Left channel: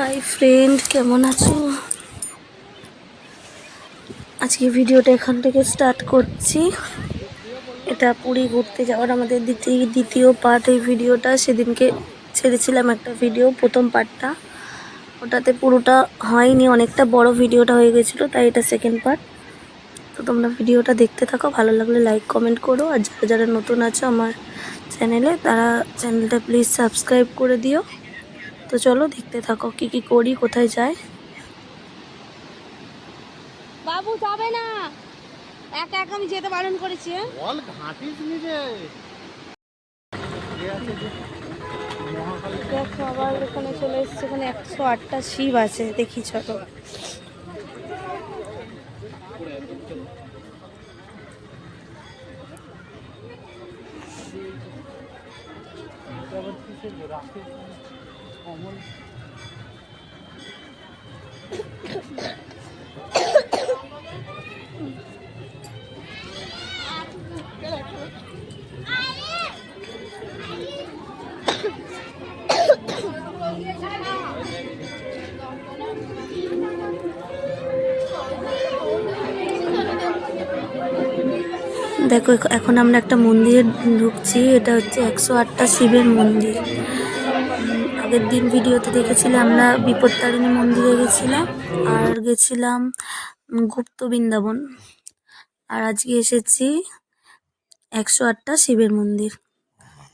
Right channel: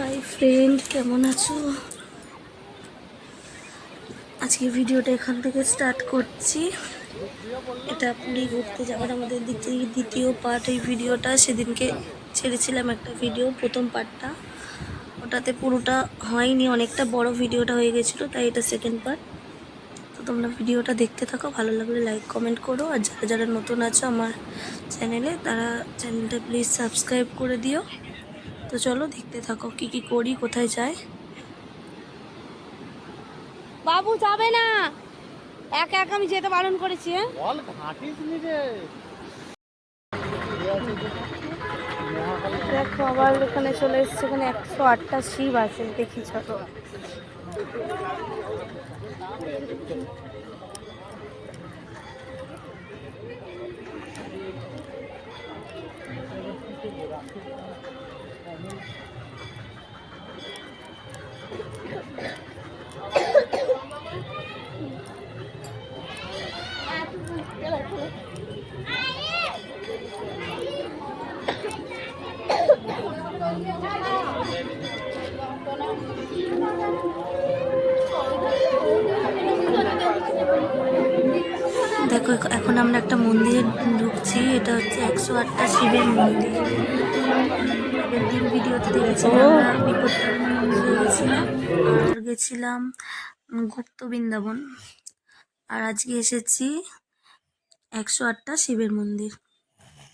Hi friend কেমন আছো? আজকে ভিডিওটা এখান থেকে স্টার্ট করছি। এটা পুরী ঘুরতে যাওয়ার আমাদের দ্বিতীয় দ্বিতীয় পার্ট এই ভিডিওটা। সেদিনকে ছেড়েছিলাম একটা ভিডিও প্রথম পার্টটা ওটাতে পুরোটা হয়নি, অনেকটা বড় ভিডিওটা হয়ে গেছিল, তাই এটা সেকেন্ড পার্ট তো তোমরা ভিডিওটা দেখতে থাকো, ভালো লাগলে লাইক কমেন্ট করো। আর যারা যারা নতুন আছো আমার চ্যানেলে তারা চ্যানেলটা প্লিজ সাবস্ক্রাইব করে দিও। তো চলো দেখতে থাকো কি কি করি কোথায় যাই। বাবু যাবে না। একা একা আমি যেতে বারণ করেছি হ্যাঁ? দেখো আবার ওখানে চলে এসছে ওখানে একশো আটটা শিব আছে দেখি চলো। দেখো এখ- এখন আমরা একটা মন্দিরে ঢুকছি এটা হচ্ছে একশো আটটা শিবের মন্দির। আগের দিন ভিডিওতে দেখেছিলাম আমরা বিপত্তারিণী মন্দিরে গেছিলাম আর গেছিলাম গুপ্ত বৃন্দাবন। আর আজকে এসেছি একশো আটটা শিবের মন্দির।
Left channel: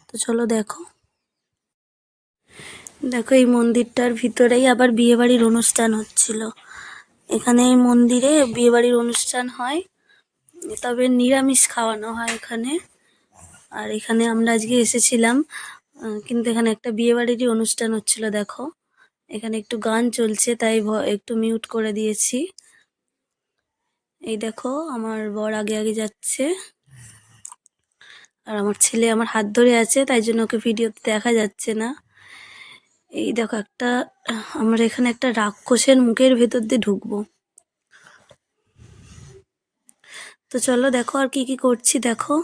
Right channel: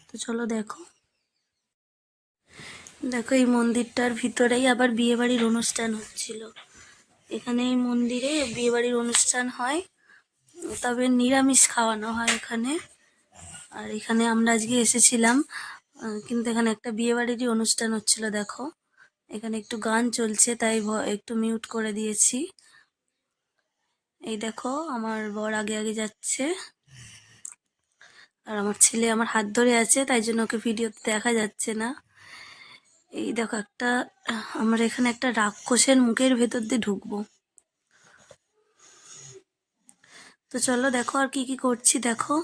তো চলো দেখো। দেখো, এই মন্দিরটার ভিতরেই আবার বিয়েবাড়ির অনুষ্ঠান হচ্ছিল। এখানে এই মন্দিরে বিয়েবাড়ির অনুষ্ঠান হয়, তবে নিরামিষ খাওয়ানো হয় এখানে। আর এখানে আমরা আজকে এসেছিলাম কিন্তু এখানে একটা বিয়েবাড়িরই অনুষ্ঠান হচ্ছিল, দেখো। এখানে একটু গান চলছে, তাই একটু মিউট করে দিয়েছি। এই দেখো, আমার বর আগে আগে যাচ্ছে। আর আমার ছেলে আমার হাত ধরে আছে, তাই জন্য ওকে ভিডিওতে দেখা যাচ্ছে না। এই দেখো একটা, আমরা এখানে একটা রাক্ষসের মুখের ভেতর দিয়ে ঢুকবো। তো চলো দেখো আর কি কি করছি, দেখো।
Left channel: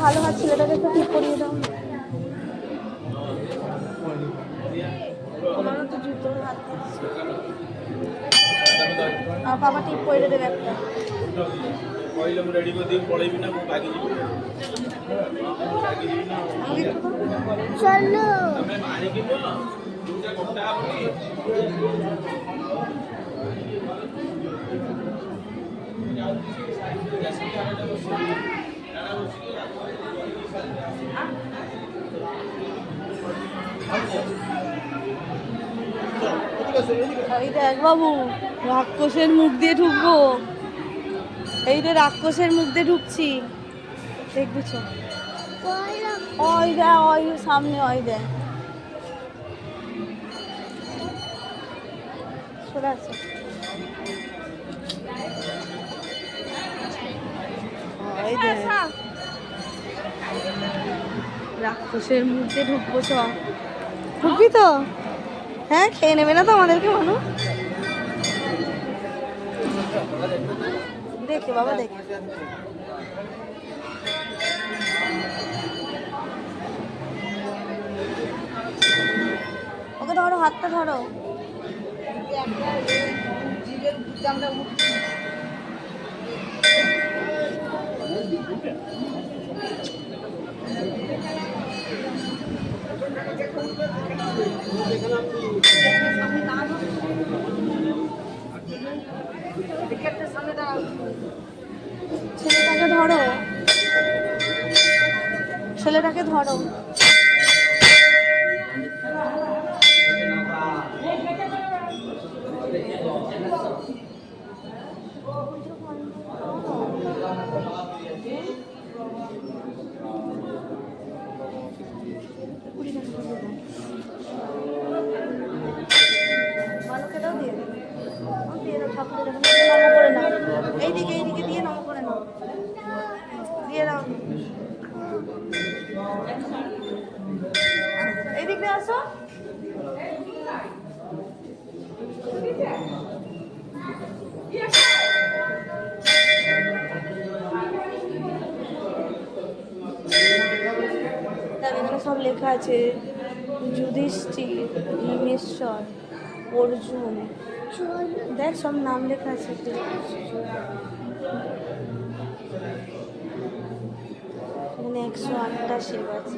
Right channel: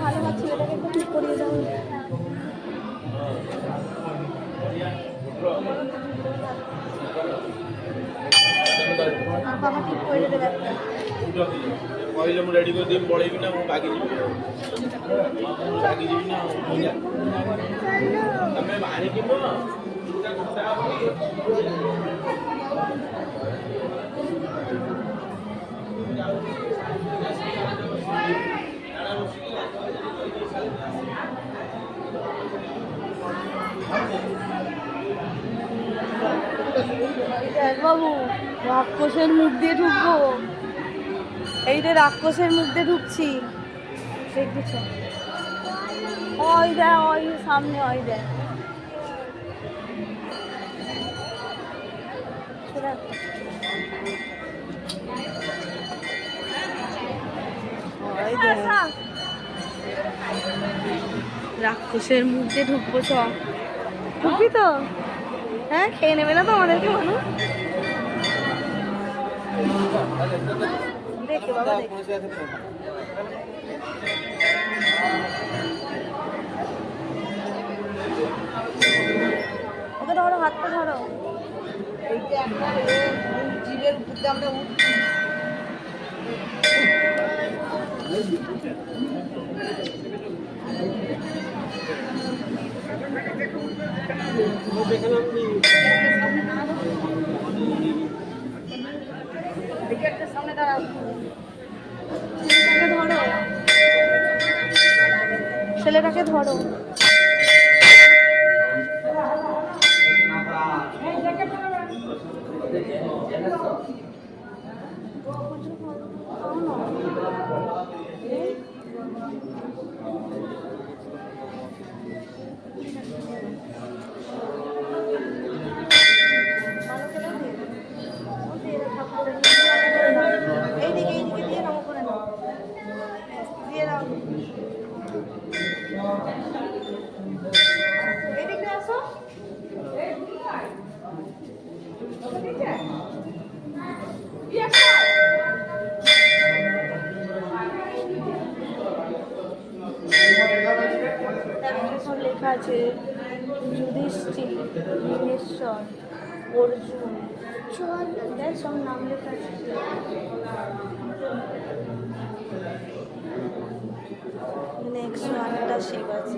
ভালো হাত ছেলেটাকে একটু ঠিক করিয়ে দাও না। আর বাবা ঠিক করে দেবে একটা କହିଲେ ମୁଁ ରେଡ଼ି କରିଦେବି ପଳେଇବି ନା ମୁଁ ମାଗିଯିବି ମାଗିଯିବି ନା ଆମେ ଆଣିକି ନୁହଁ এই দেখ বাবু, রাক্ষসের মুখ দিয়ে ঢুকবো। এই যে রাক্ষসের মুখ দিয়ে ঢুকছি। সামনে, ওই আসো। রাক্ষসের মুখ ঢুকবো, চ। ঢুকবি তো? হ্যাঁ খেয়ে নেবে না তো আমাদেরকে মানুষ দেখে, বাবা, দেখে। ওকে ধরো, হাতটা ধরো। ছেলেটাকে ধরো। ছেলেটাকে ধরো মালকে দাও দিয়ে ও দিয়ে দাও ঠাকুর করে নাও এইদিকে এইদিকে দিয়ে নামো করে নাও দিয়ে দাও। এদিকে আসো। তারপরে সব লেখা আছে, যুধিষ্ঠির ভীমেশ্বর অর্জুন সব দেখ সব নাম লেখা আছে এখানে একশো আটটা শিব আছে।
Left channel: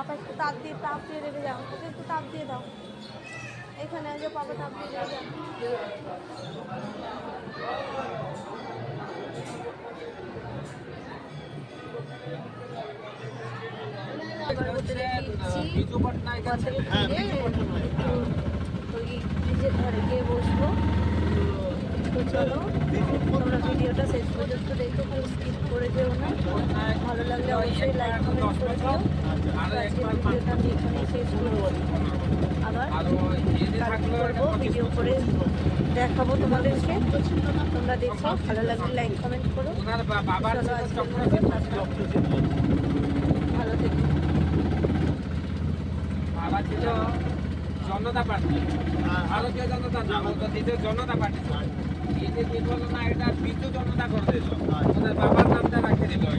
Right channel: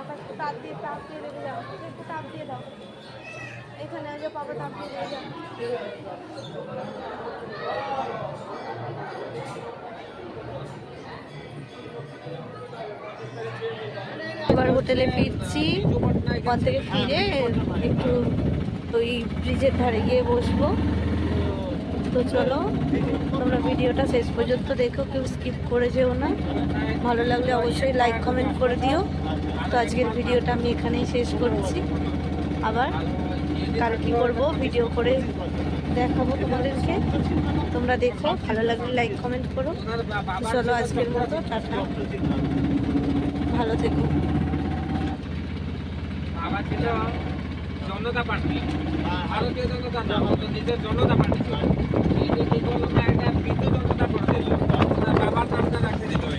পাপা তাপ দিয়ে তাপ দিয়ে দেবে যাও ওকে একটু তাপ দিয়ে দাও। এখানে যে পাপা তাপ দিয়ে দেবে যাও এবার হোটেলে ফিরছি। ওখান থেকে ফিরে একটু ওই ব্রিজের ধারে গিয়ে বসবো। তো চলো। ভিডিওটা শেষ পর্যন্ত দেখো, কেউ স্কিপ করে যেও না। ভালো লাগলে অবশ্যই লাইক কমেন্ট করে দিও। তো আজকের ভিডিওটা আমি এখানেই শেষ করছি। আবার কাল কী করব ভিডিও করে দেখাবো তোমাদেরকে। তোমরা দেখো, ভালো লাগলে লাইক কমেন্ট করো। চলো আজকের মতো, টাটা। ভালো থেকো। জনতা পার্টি। ভারতীয় জনতা না বলতো নিজের জনতা পার্টি ছিল এটা কি বলতো একটা বিজু জনতা করতে বাবার